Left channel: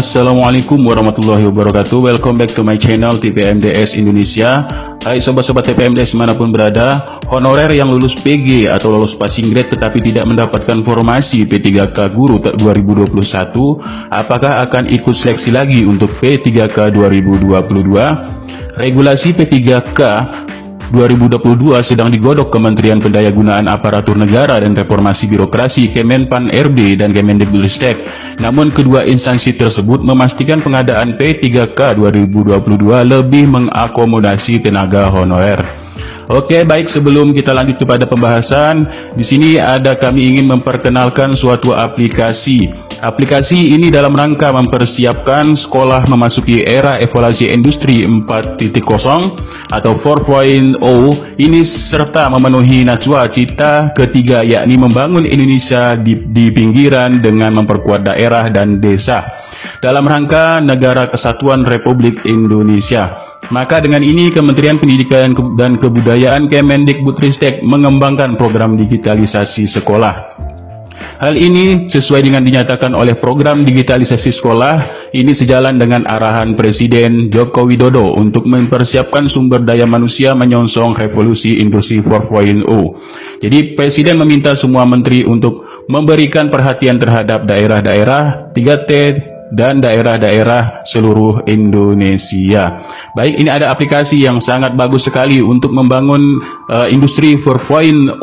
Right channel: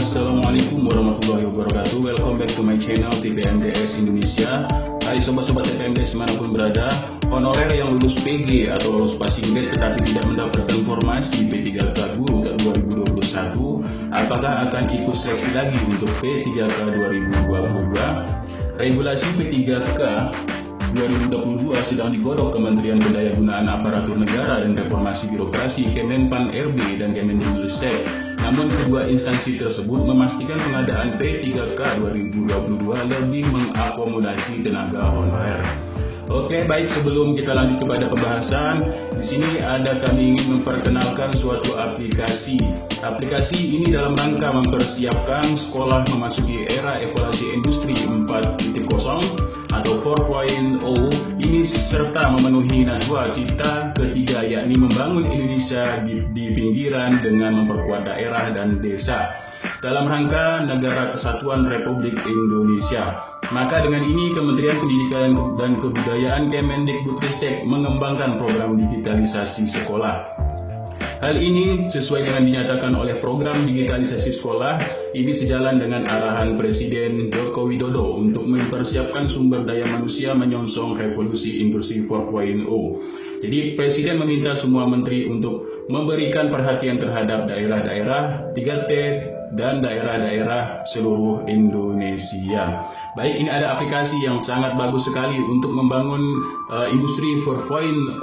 Assalamualaikum warahmatullahi wabarakatuh. Welcome back to my channel TPMDS Indonesia. Hai sobat-sobat TPMDS dimanapun berada, honorer yang lulus PG atau lulus passing grade tetapi tidak mendapatkan formasi P3K Guru 2021, apakah akan ikut seleksi lagi untuk P3K 2022? Regulasi P3K 2022 sedang digodok Kementerian Pendayagunaan Aparatur Negara dan Reformasi Birokrasi Kemenpan RB dan Kemendikbudristek. Namun kedua instansi tersebut memastikan pengadaan P3K 2022 lebih mengakomodasi tenaga honorer. Oke, baik, sebelum kita lanjut kepada pembahasan, di sini kami ingin memperkenalkan suatu aplikasi. Aplikasi ini dalam rangka mempersiapkan sekolah memasuki era evaluasi industri 4.0 atau 4.0 ini serta memenuhi najwa cita ketiga, yakni membangun Indonesia di pinggiran dengan memperkuat daerah dan desa dalam rangka Negara Kesatuan Republik Indonesia. Maka dengan ini Kementerian Pendidikan dan Kebudayaan Kemendikbudristek mengembangkan program digitalisasi sekolah. Hal ini sesuai dengan dinyatakan oleh program digitalisasi sekolah ini sejalan dengan arahan Presiden Joko Widodo untuk mempersiapkan sumber daya manusia menyongsong revolusi industri 4.0. Jadi Presiden meminta semua menteri untuk memberikan perhatian terhadap daerah-daerah 3T dan daerah-daerah seluruh Indonesia. Baik, ini ada aplikasi yang sangat bagus sekali untuk membangun industri 4.0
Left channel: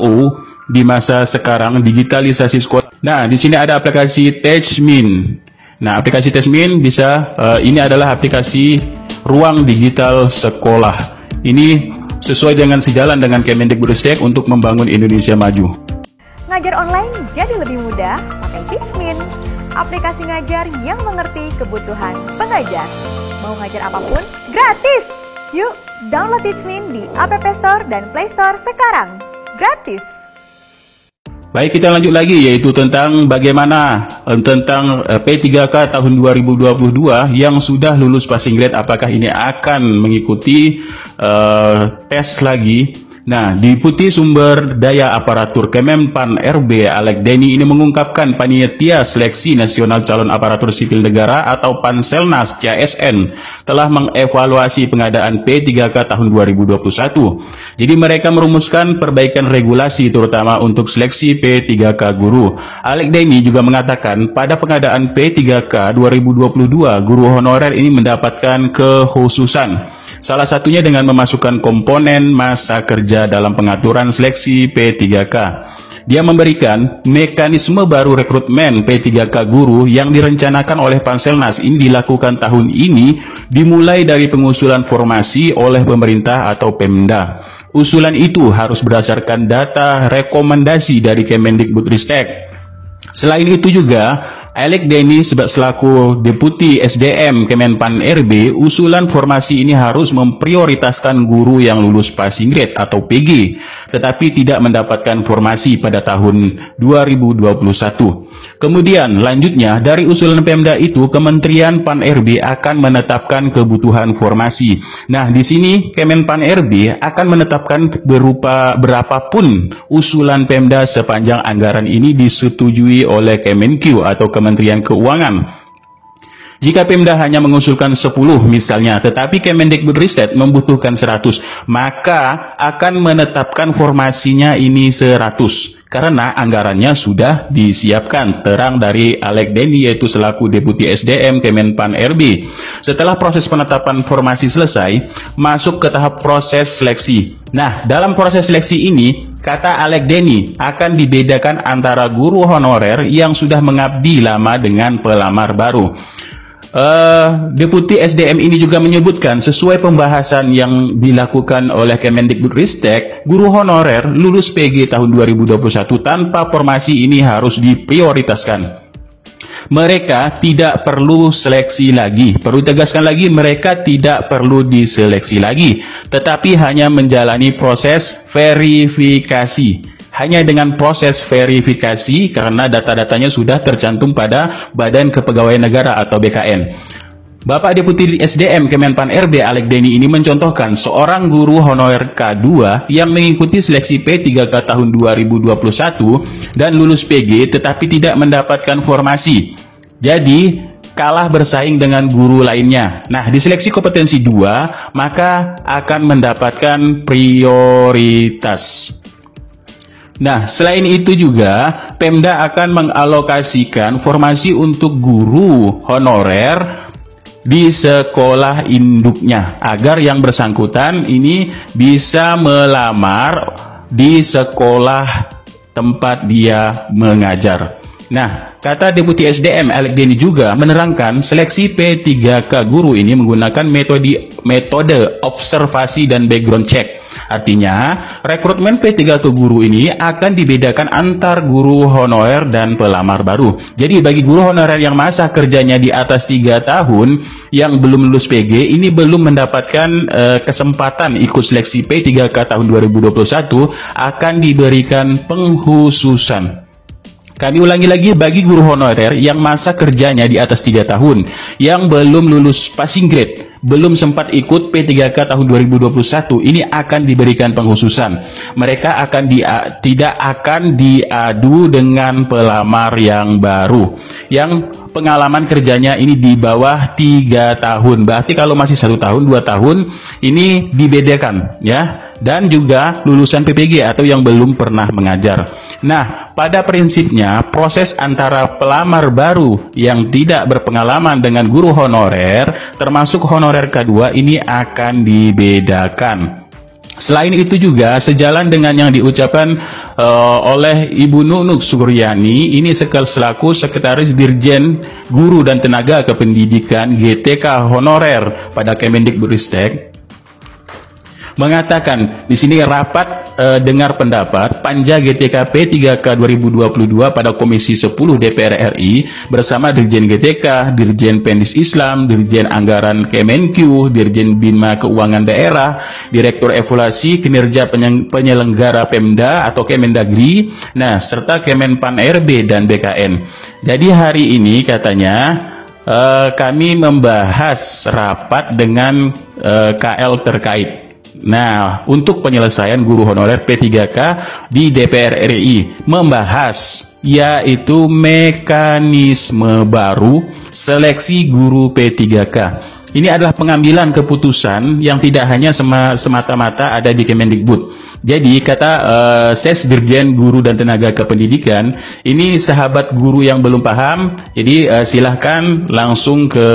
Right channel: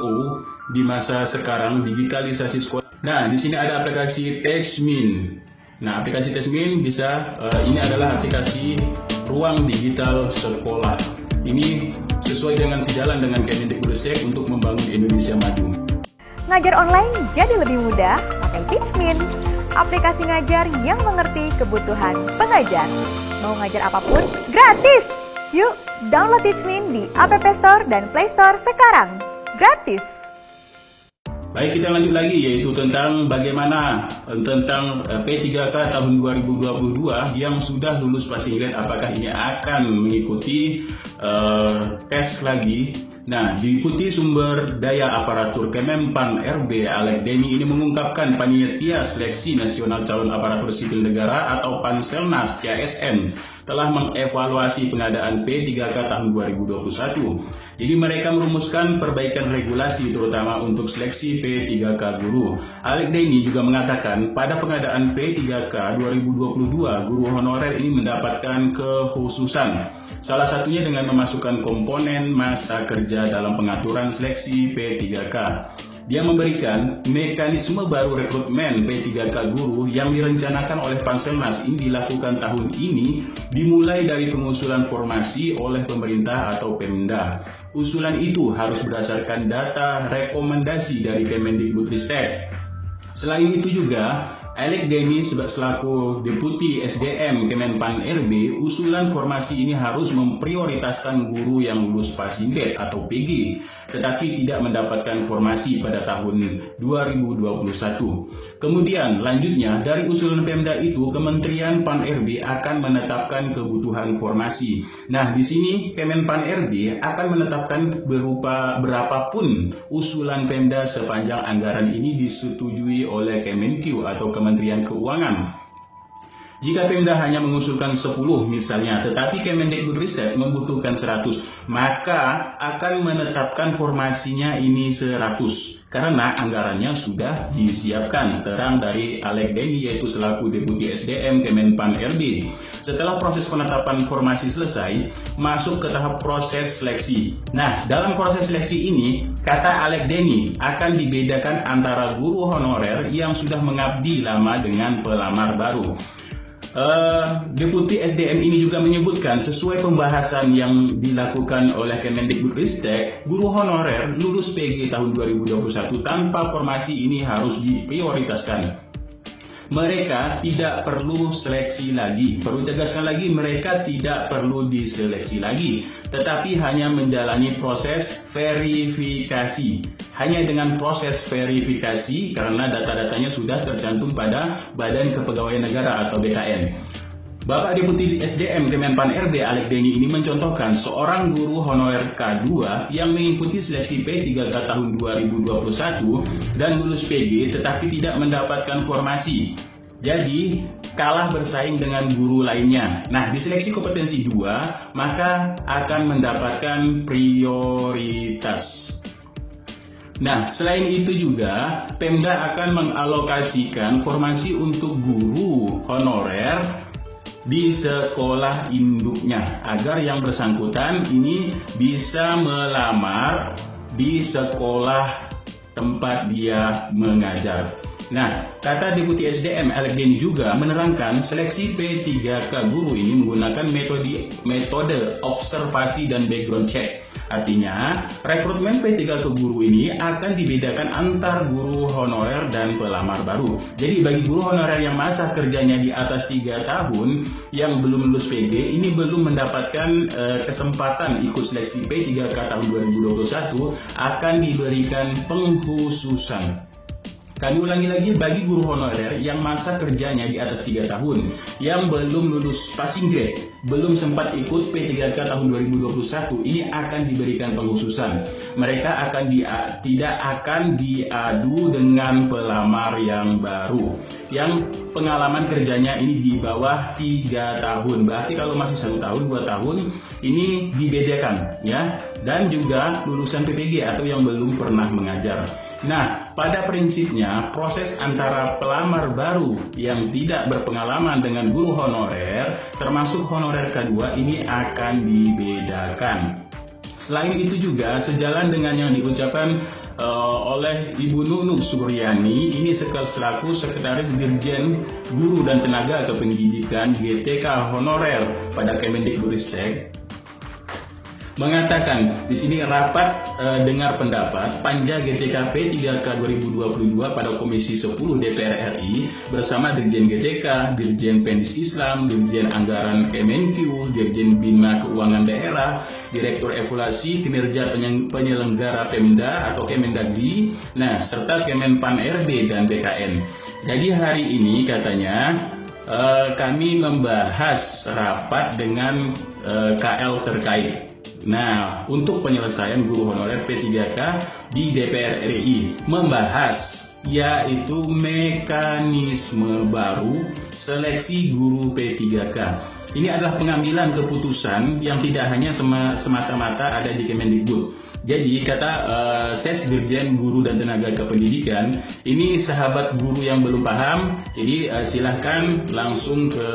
di masa sekarang, digitalisasi sekolah. Nah, di sini ada aplikasi Teachmin. Nah, aplikasi Teachmin ini adalah aplikasi ruang digital sekolah. Ini sesuai dengan sejalan dengan Kemendikbudristek untuk membangun Indonesia maju. Ngajar online jadi lebih mudah pakai Teachmin. Aplikasi ngajar yang mengerti kebutuhan pengajar. Mau ngajar apapun, gratis! Yuk, download Teachmin di App Store dan Play Store sekarang. Gratis! Baik, kita lanjut lagi, yaitu tentang bagaimana tentang P3K tahun 2022 yang sudah lulus passing grade, apakah ini akan mengikuti tes lagi. Nah, Deputi Sumber Daya Aparatur Kemenpan RB Alek Deni ini mengungkapkan panitia seleksi nasional calon aparatur sipil negara atau Panselnas CASN telah mengevaluasi pengadaan P3K tahun 2021. Jadi mereka merumuskan perbaikan regulasi terutama untuk seleksi P3K guru. Alek Deni juga mengatakan pada pengadaan P3K 2022 guru honorer ini mendapatkan kekhususan. Salah satunya dengan memasukkan komponen masa kerja dalam pengaturan seleksi P3K. Dia memberikan mekanisme baru rekrutmen P3K guru yang direncanakan oleh Panselnas ini dilakukan tahun ini dimulai dari pengusulan formasi oleh pemerintah atau Pemda. Usulan itu harus berdasarkan data rekomendasi dari Kemendikbudristek. Selain itu juga, Alek Deni selaku Deputi SDM Kemenpan RB, usulan formasi ini harus memprioritaskan guru yang lulus passing grade atau PG, tetapi tidak mendapatkan formasi pada tahun 2021. Kemudian lanjutnya dari usulan Pemda itu, Kementerian Pan RB akan menetapkan kebutuhan formasi. Nah, di sini Kemenpan RB akan menetapkan berupa berapapun usulan Pemda sepanjang anggaran ini disetujui oleh Kemenq atau Kementerian Keuangan. Jika Pemda hanya mengusulkan 10 misalnya, tetapi Kemendikbudristek membutuhkan 100, maka akan menetapkan formasinya ini 100. Karena anggarannya sudah disiapkan, terang dari Alek Deni yaitu selaku Deputi SDM Kemenpan RB. Setelah proses penetapan formasi selesai, masuk ke tahap proses seleksi. Nah, dalam proses seleksi ini, kata Alek Deni, akan dibedakan antara guru honorer yang sudah mengabdi lama dengan pelamar baru. Deputi SDM ini juga menyebutkan sesuai pembahasan yang dilakukan oleh Kemendikbudristek, guru honorer lulus PG tahun 2021 tanpa formasi ini harus diprioritaskan. Mereka tidak perlu seleksi lagi. Perlu tegaskan lagi, mereka tidak perlu diseleksi lagi, tetapi hanya menjalani proses verifikasi. Hanya dengan proses verifikasi karena data-datanya sudah tercantum pada Badan Kepegawaian Negara atau BKN. Bapak Deputi SDM Kemenpan RB Alek Deni ini mencontohkan seorang guru honorer K2 yang mengikuti seleksi P3K tahun 2021 dan lulus PG tetapi tidak mendapatkan formasi. Jadi kalah bersaing dengan guru lainnya. Nah, di seleksi kompetensi 2 maka akan mendapatkan prioritas. Nah, selain itu juga Pemda akan mengalokasikan formasi untuk guru honorer di sekolah induknya agar yang bersangkutan ini bisa melamar di sekolah tempat dia mengajar. Nah, kata Deputi SDM Alek Deni juga menerangkan seleksi P3K guru ini menggunakan metode observasi dan background check. Artinya, rekrutmen P3K guru ini akan dibedakan antar guru honorer dan pelamar baru. Jadi bagi guru honorer yang masa kerjanya di atas 3 tahun yang belum lulus PG ini belum mendapatkan kesempatan ikut seleksi P3K tahun 2021 akan diberikan pengkhususan. Kami ulangi lagi, bagi guru honorer yang masa kerjanya di atas 3 tahun, yang belum lulus passing grade, belum sempat ikut P3K tahun 2021, ini akan diberikan pengkhususan. Mereka tidak akan diadu dengan pelamar yang baru, yang pengalaman kerjanya ini di bawah 3 tahun. Berarti kalau masih 1 tahun, 2 tahun, ini dibedakan ya. Dan juga lulusan PPG atau yang belum pernah mengajar. Nah, pada prinsipnya proses antara pelamar baru yang tidak berpengalaman dengan guru honorer termasuk honorer K2 ini akan dibedakan. Selain itu juga sejalan dengan yang diucapkan oleh Ibu Nunuk Suryani, ini selaku Sekretaris Dirjen Guru dan Tenaga Kependidikan GTK Honorer pada Kemendikbudristek, mengatakan di sini rapat dengar pendapat Panja GTK P3K 2022 pada Komisi 10 DPR RI bersama Dirjen GTK, Dirjen Pendis Islam, Dirjen Anggaran Kemenq, Dirjen Bina Keuangan Daerah, Direktur Evaluasi Kinerja Penyelenggara Pemda atau Kemendagri, nah serta Kemenpan RB dan BKN. Jadi hari ini katanya kami membahas rapat dengan KL terkait. Nah, untuk penyelesaian guru honorer P3K di DPR RI membahas yaitu mekanisme baru seleksi guru P3K. Ini adalah pengambilan keputusan yang tidak hanya semata-mata ada di Kemendikbud. Jadi kata Ses Dirjen Guru dan Tenaga Kependidikan, ini sahabat guru yang belum paham, jadi silahkan langsung ke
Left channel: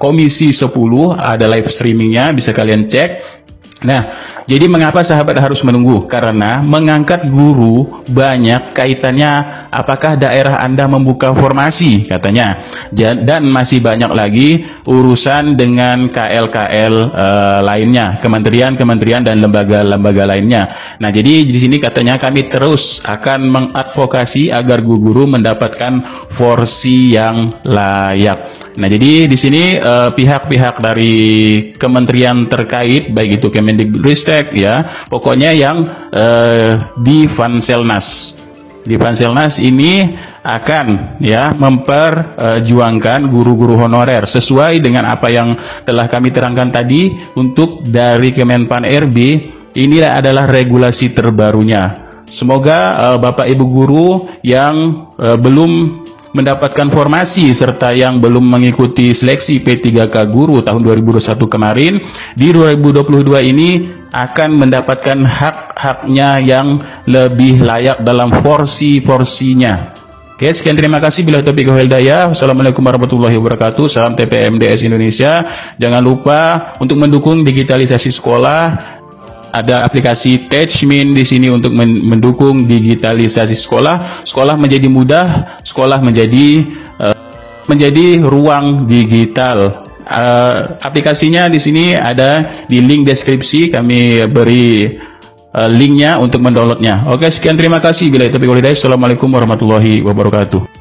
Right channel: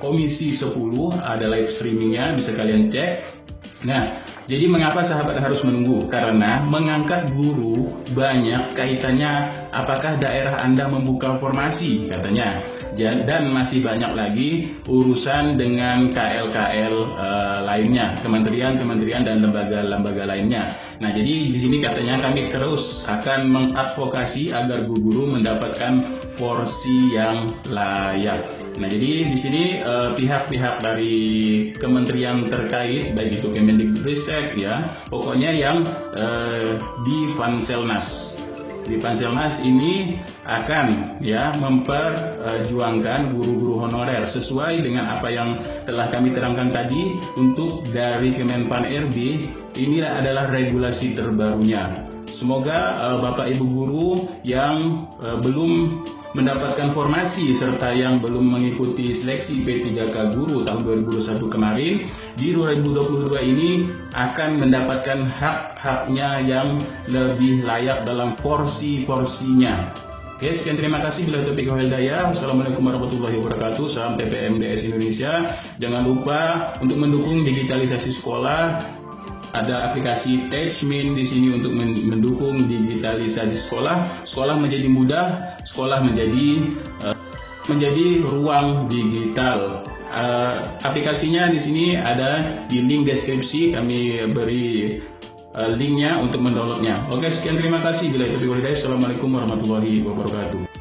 Komisi 10, ada live streamingnya, bisa kalian cek. Nah, jadi mengapa sahabat harus menunggu? Karena mengangkat guru banyak kaitannya apakah daerah Anda membuka formasi katanya. Dan masih banyak lagi urusan dengan KL-KL lainnya, kementerian-kementerian dan lembaga-lembaga lainnya. Nah, jadi di sini katanya kami terus akan mengadvokasi agar guru mendapatkan porsi yang layak. Nah, jadi di sini pihak-pihak dari kementerian terkait, baik itu Kemendikbudristek ya, pokoknya yang di Fanselnas. Di Fanselnas ini akan ya memperjuangkan guru-guru honorer sesuai dengan apa yang telah kami terangkan tadi. Untuk dari Kemenpan RB, inilah adalah regulasi terbarunya. Semoga Bapak Ibu guru yang belum mendapatkan formasi serta yang belum mengikuti seleksi P3K guru tahun 2021 kemarin, di 2022 ini akan mendapatkan hak-haknya yang lebih layak dalam porsi-porsinya. Oke, sekian, terima kasih. Bila taufiq wal hidayah. Wassalamualaikum warahmatullahi wabarakatuh. Salam TPMDS Indonesia. Jangan lupa untuk mendukung digitalisasi sekolah. Ada aplikasi Teachmin di sini untuk mendukung digitalisasi sekolah. Sekolah menjadi mudah, sekolah menjadi ruang digital. Aplikasinya di sini ada di link deskripsi, kami beri linknya untuk mendownloadnya. Oke, sekian, terima kasih. Bila itu, assalamualaikum warahmatullahi wabarakatuh.